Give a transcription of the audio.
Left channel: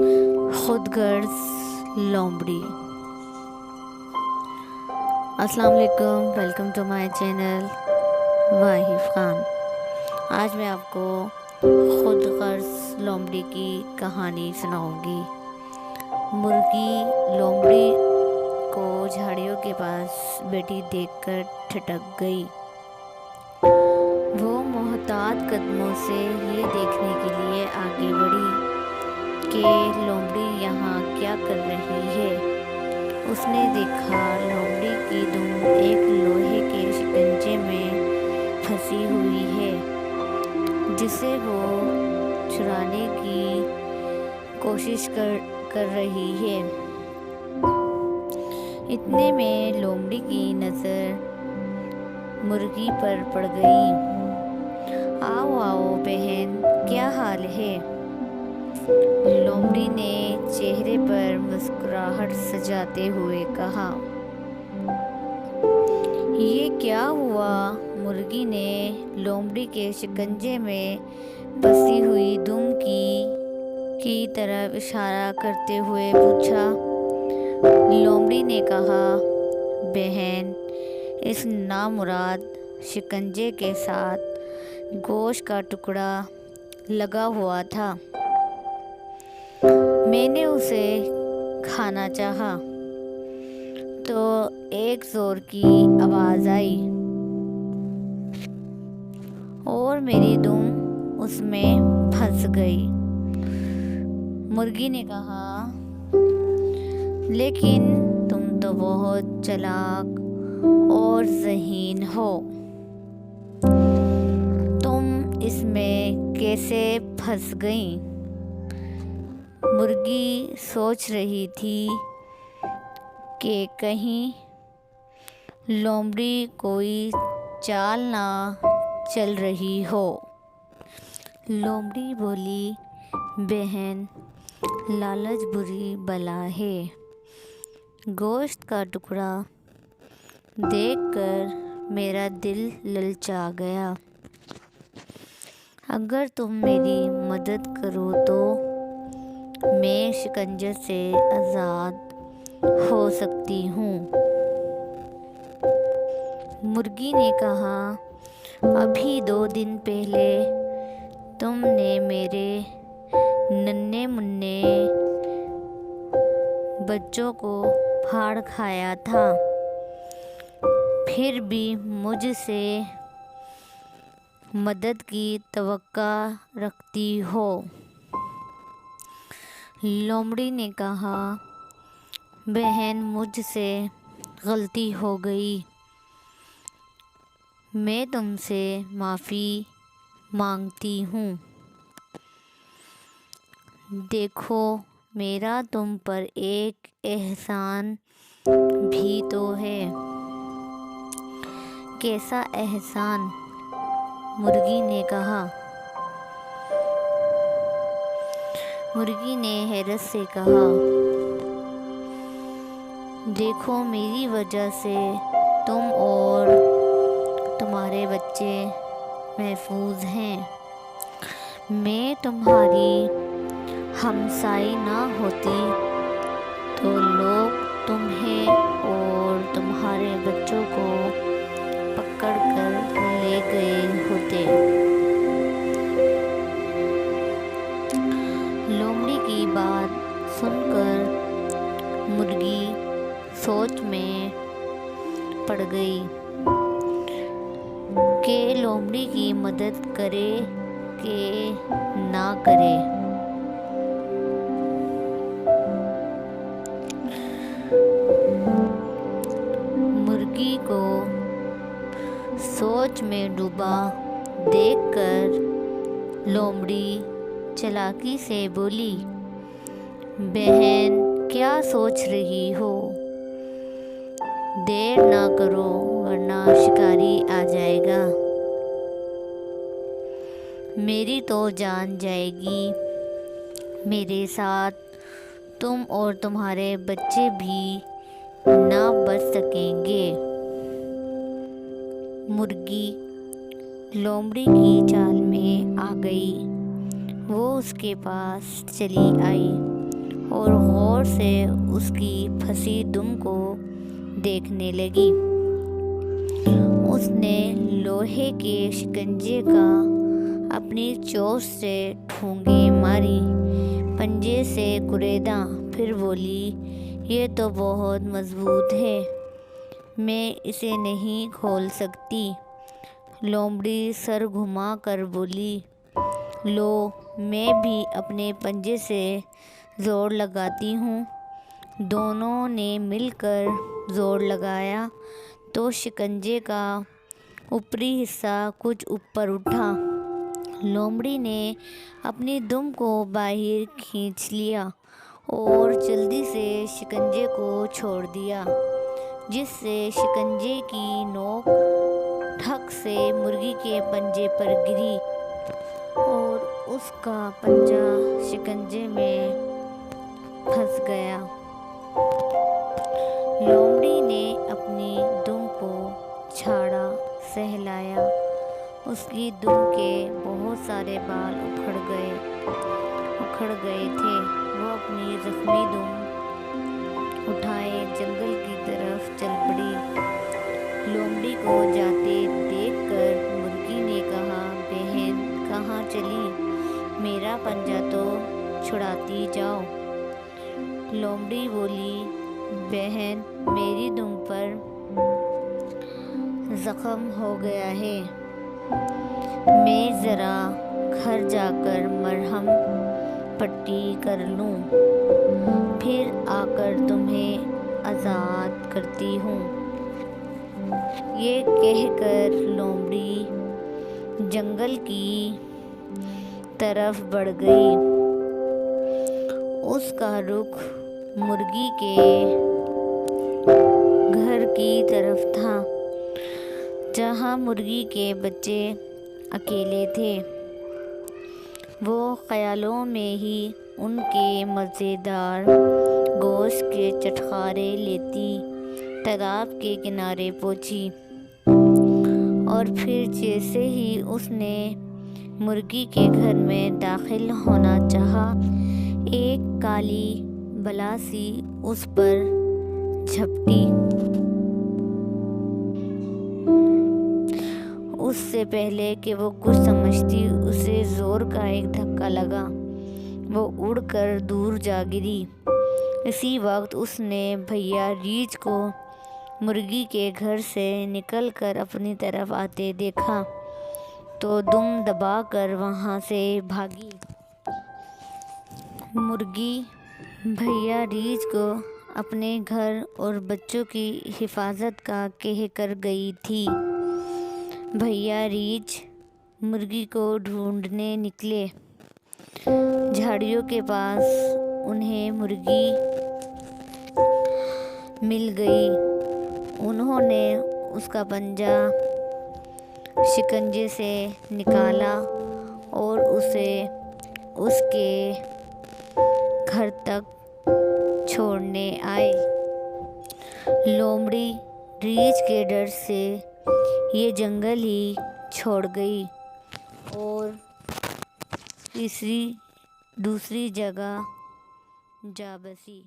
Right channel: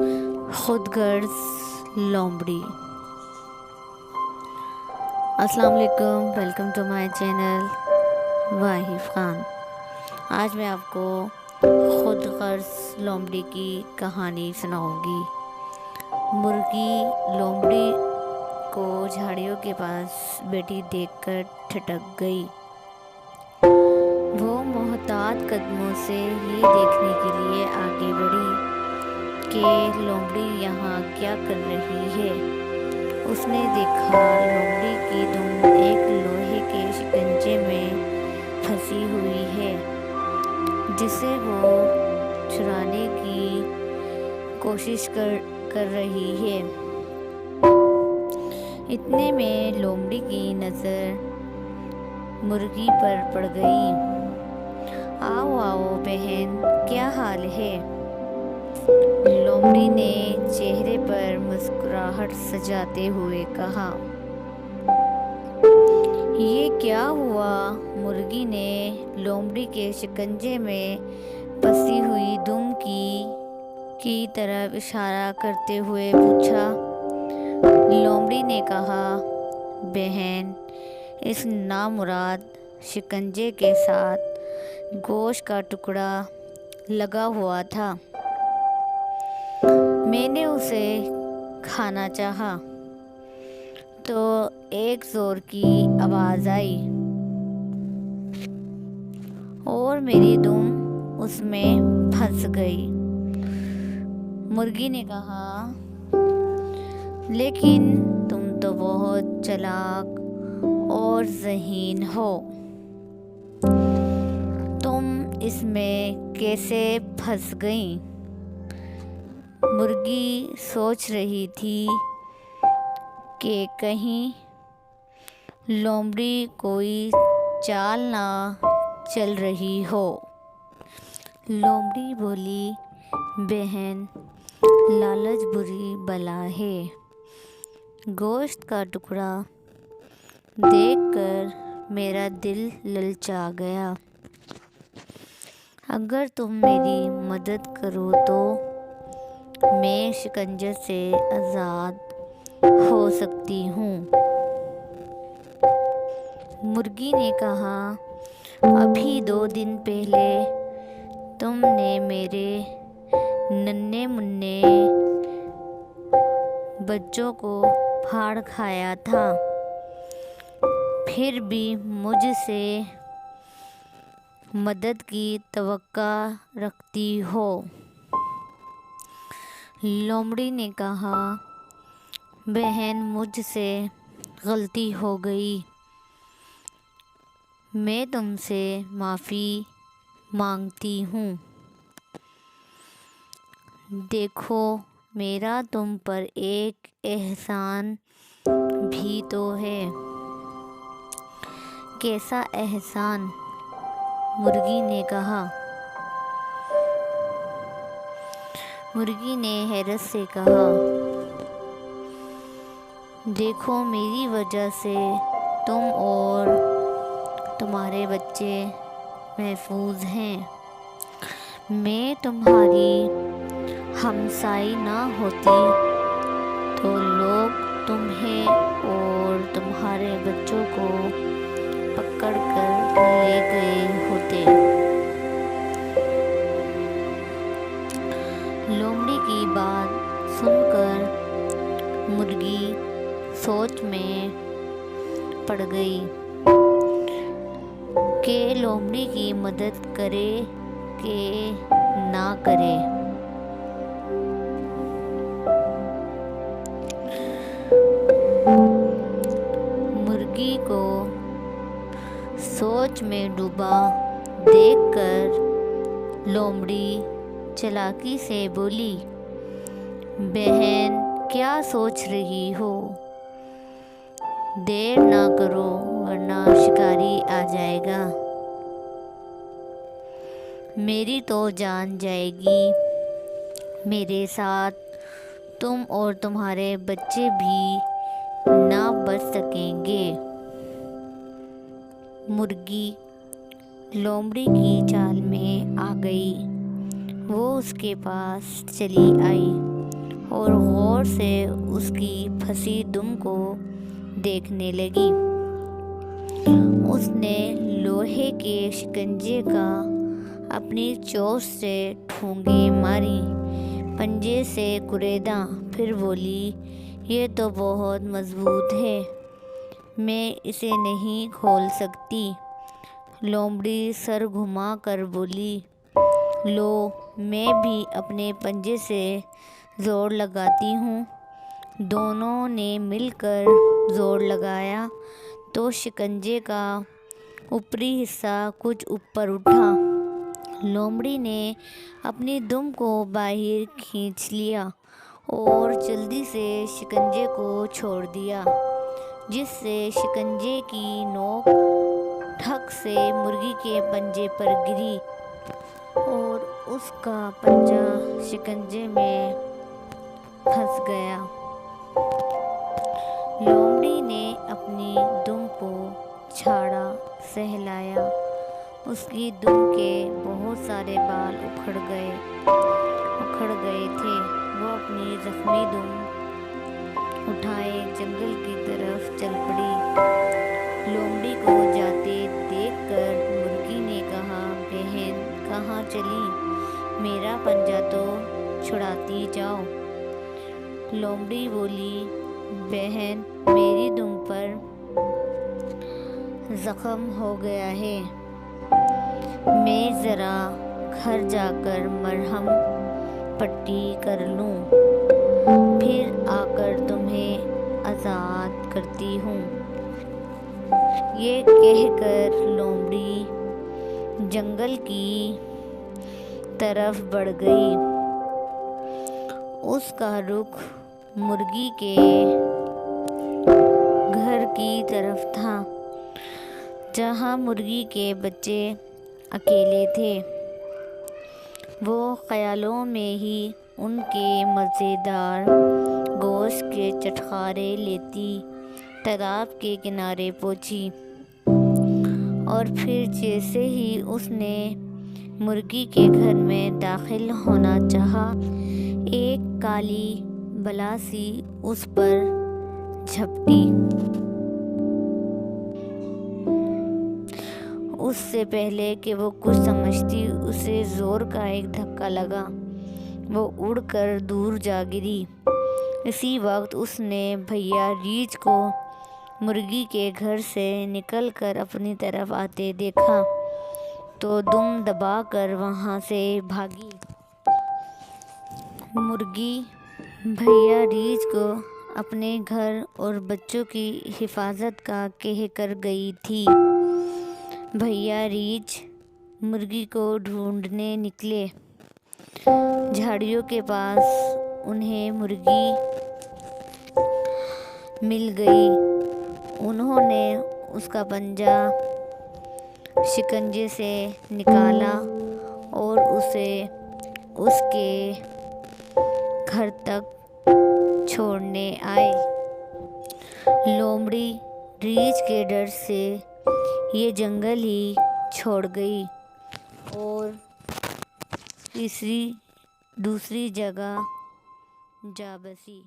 خود غرض لومڑی۔ السلام علیکم، welcome to my channel Wahf Khan. آج میں آپ کو خود غرض لومڑی کی کہانی سناؤں گی۔ مرغی لومڑی کو جھاڑیوں کے پاس بیٹھی دیکھ کر ٹھٹک گئی۔ وہ محتاط قدموں سے یہ دیکھنے کے لیے آگے بڑھی کہ لومڑی یہاں کیا کر رہی ہے۔ اس نے دیکھا لومڑی کی دم ایک لوہے کے شکنجے میں پھنسی ہوئی ہے جسے وہ چھڑانے کی کوشش کر رہی ہے۔ اتنے میں لومڑی کی نظر مرغی پر پڑ گئی۔ آؤ آؤ بہن، کیا حال ہے؟ لومڑی نے چہرے پر مسکراہٹ سجاتے ہوئے کہا۔ یہ کیا ہوا؟ مرغی نے لومڑی کے شکنجے میں پھنسی ہوئی دم کی طرف اشارہ کرتے ہوئے پوچھا۔ لومڑی نے کہا، بہن، اس نامراد شکنجے کے ساتھ گوشت کا ٹکڑا لگا ہوا تھا۔ میں نے اسے کھانا چاہا تو ایک زور کی آواز آئی اور میری دم اس میں پھنس گئی۔ مرغی نے کہا، لیکن تم تو بہت چالاک اور ذہین ہو، تم اس میں کیسے پھنس گئیں؟ مرغی سوچ رہی تھی کہ کہیں لومڑی کوئی چال نہ چل رہی ہو۔ لومڑی بولی، بہن، لالچ بری بلا ہے۔ گوشت کا ٹکڑا دیکھ کر میرا دل للچا گیا۔ اگر تم میری مدد کرو تو میں شکنجے سے آزاد ہو سکتی ہوں۔ مرغی نے کہا، ابھی 2 دن پہلے تم نے میرے ننھے منھے بچوں کو پھاڑ کھایا تھا، پھر بھی مجھ سے مدد کی توقع رکھتی ہو۔ لومڑی نے کہا، بہن، مجھ سے غلطی ہو گئی، میں تم سے معافی مانگتی ہوں۔ دیکھو، میرا تم پر ایک احسان بھی تو ہے۔ کیسا احسان؟ مرغی نے کہا۔ مرغی نے حیرت سے کہا، دیکھو، میری وجہ سے تم اور تمہارے بچے محفوظ ہیں۔ میں تمہاری ہمسائے نہ ہوتی تو لوگ تمہیں اور تمہارے بچوں کو پکڑ کر لے گئے ہوتے۔ لومڑی کی بات سن کر مرغی سوچ میں پڑ گئی کہ لومڑی کی مدد کرے کہ نہ کرے۔ مرغی کو سوچ میں ڈوبا دیکھ کر لومڑی چالاکی سے بولی، بہن، کیا سوچ رہی ہو؟ دیر نہ کرو ورنہ شکاری آ جائے گا۔ میری تو جان جائے گی، میرے ساتھ تم اور تمہارے بچے بھی نہ بچ سکیں گے۔ مرغی لومڑی کی چال میں آ گئی۔ وہ اس کے پاس چلی آئی اور غور سے اس کی پھنسی دم کو دیکھنے لگی۔ اس نے لوہے کے شکنجے کا اپنی چوٹ سے ٹھونگے ماری، پنجے سے کریدا، پھر بولی، یہ تو بہت مضبوط ہے، میں اسے نہیں کھول سکتی۔ لومڑی سر گھما کر بولی، لو، میں بھی اپنے پنجے سے زور لگاتی ہوں۔ دونوں نے مل کر زور لگایا تو شکنجے کا اوپری حصہ کچھ اوپر اٹھا۔ لومڑی نے اپنی دم کو باہر کھینچ لیا اور جلدی سے شکنجے کو چھوڑ دیا، جس سے شکنجے کی نوک ٹھک سے مرغی کے پنجے پر گری اور اس کا پنجہ شکنجے میں پھنس گیا۔ لومڑی نے اپنی دم کو جھاڑا، سہلایا، اس کی دم کے بہت سارے بال اکھڑ گئے تھے۔ وہ اپنی زخمی دم اٹھائے جنگل کی طرف چل پڑی۔ لومڑی کو جاتے دیکھ کر مرغی نے کہا، بہن کہاں چلی؟ میرا پنجہ تو چھڑاتی جاؤ۔ لومڑی بولی، بہن میری دم پر زخم ہو گیا ہے، میں ذرا گھر جا کر مرہم پٹی کر لوں، پھر آ کر تمہیں آزاد کرتی ہوں۔ یہ کہہ کر لومڑی جنگل کی طرف بڑھ گئی۔ اس کا رخ مرغی کے گھر کی طرف تھا، جہاں مرغی کے بچے اکیلے تھے۔ وہ خیالوں میں ہی ان کے مزیدار گوشت کے چٹخارے لیتی تالاب کے کنارے پہنچی، اور پھر جیسے ہی اس نے مرغی کے گھر میں داخل ہونا چاہا، ایک کالی بلا سی اس پر جھپٹی۔ اس سے پہلے کہ وہ کچھ سمجھتی، اسے زور کا ایک دھکا لگا، وہ اڑ کر دور جا گری۔ اسی وقت اس نے بھیا ریچھ کو مرغی کے گھر سے نکل کر اپنی طرف آتے دیکھا تو دم دبا کر وہاں سے بھاگی۔ مرغی بھیا ریچھ کو اپنے گھر اور بچوں کی حفاظت کا کہہ کر گئی تھی۔ بھیا ریچھ مرغی کو ڈھونڈنے نکلے۔ جھاڑیوں کے پاس انہیں مرغی مل گئی۔ انہوں نے اس کا پنجہ شکنجے سے نکالا اور اسے اس کے گھر تک چھوڑنے آئے۔ لومڑی ریچھ کے ڈر سے یہ جنگل ہی چھوڑ گئی اور دوسری جگہ جا بسی۔